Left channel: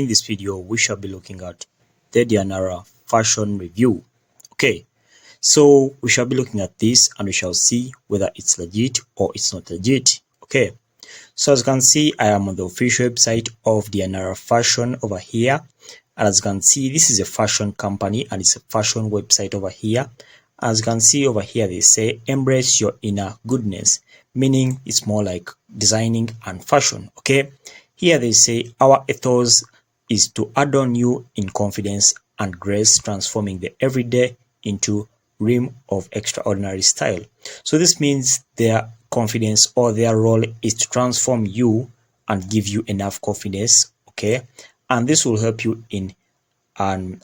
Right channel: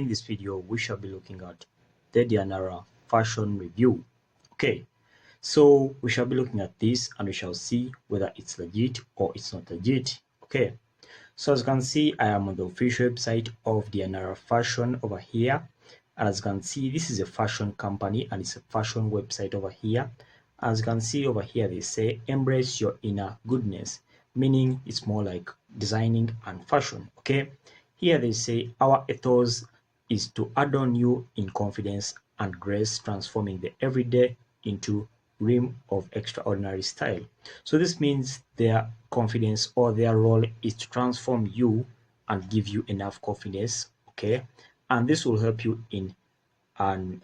in this video we shall be looking at the Dianara fashion review. Okay, so we shall be looking at this and we shall see whether it's legit or it's not legit. Okay, so as you can see, I am on the official website of Dianara fashion over here, and as you can see, this is a fashion company and it's a fashion website over here. As you can see over here, they say embrace your inner goodness, meaning it's more like designing and fashion. Okay, here they say our ethos is to adorn you in confidence and grace, transforming the everyday into realm of extraordinary style. So this means their confidence or their role is to transform you and give you enough confidence. Okay, and this will help you in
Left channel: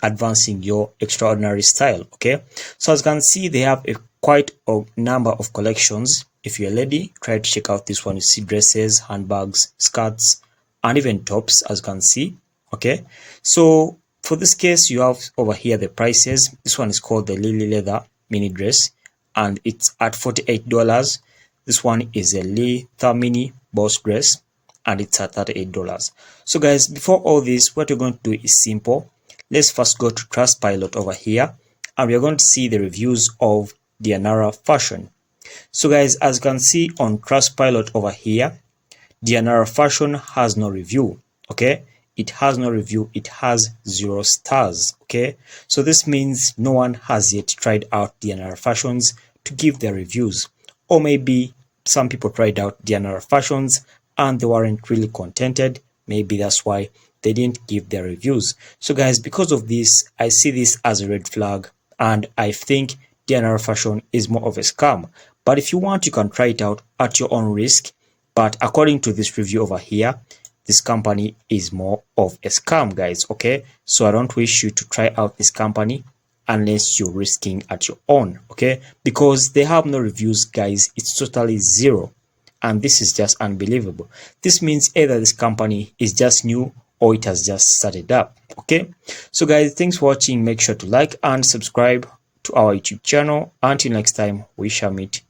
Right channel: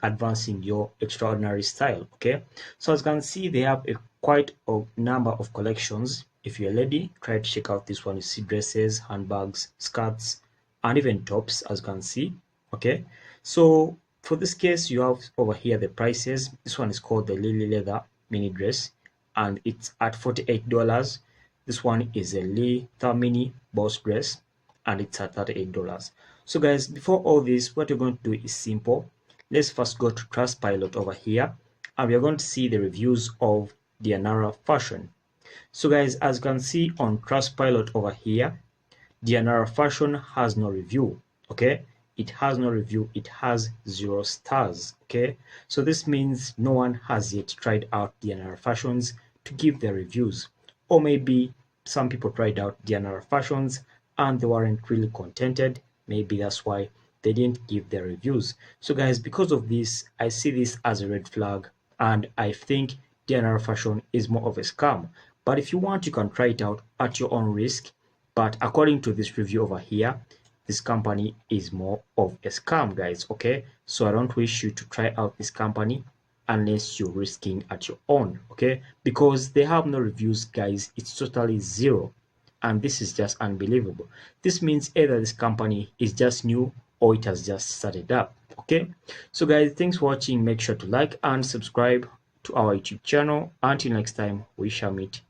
advancing your extraordinary style. Okay, so as you can see, they have quite a number of collections. If you're a lady, try to check out this one. You see dresses, handbags, skirts, and even tops, as you can see. Okay, so for this case, you have over here the prices. This one is called the Lily Leather mini dress and it's at $48. This one is a leather mini boss dress and it's at $38. So guys, before all this, what you're going to do is simple. Let's first go to Trustpilot over here and we are going to see the reviews of Dianara fashion. So guys, as you can see on Trustpilot over here, Dianara fashion has no review. Okay, it has no review, it has 0 stars. Okay, so this means no one has yet tried out Dianara fashions to give their reviews, or maybe some people tried out Dianara fashions and they weren't really contented. Maybe that's why they didn't give their reviews. So guys, because of this, I see this as a red flag and I think Dianara fashion is more of a scam. But if you want, you can try it out at your own risk. But according to this review over here, this company is more of a scam, guys. Okay, so I don't wish you to try out this company unless you're risking at your own. Okay, because they have no reviews, guys. It's totally 0 and this is just unbelievable. This means either this company is just new or it has just started up. Okay, so guys, thanks for watching. Make sure to like and subscribe to our YouTube channel. Until next time, we shall meet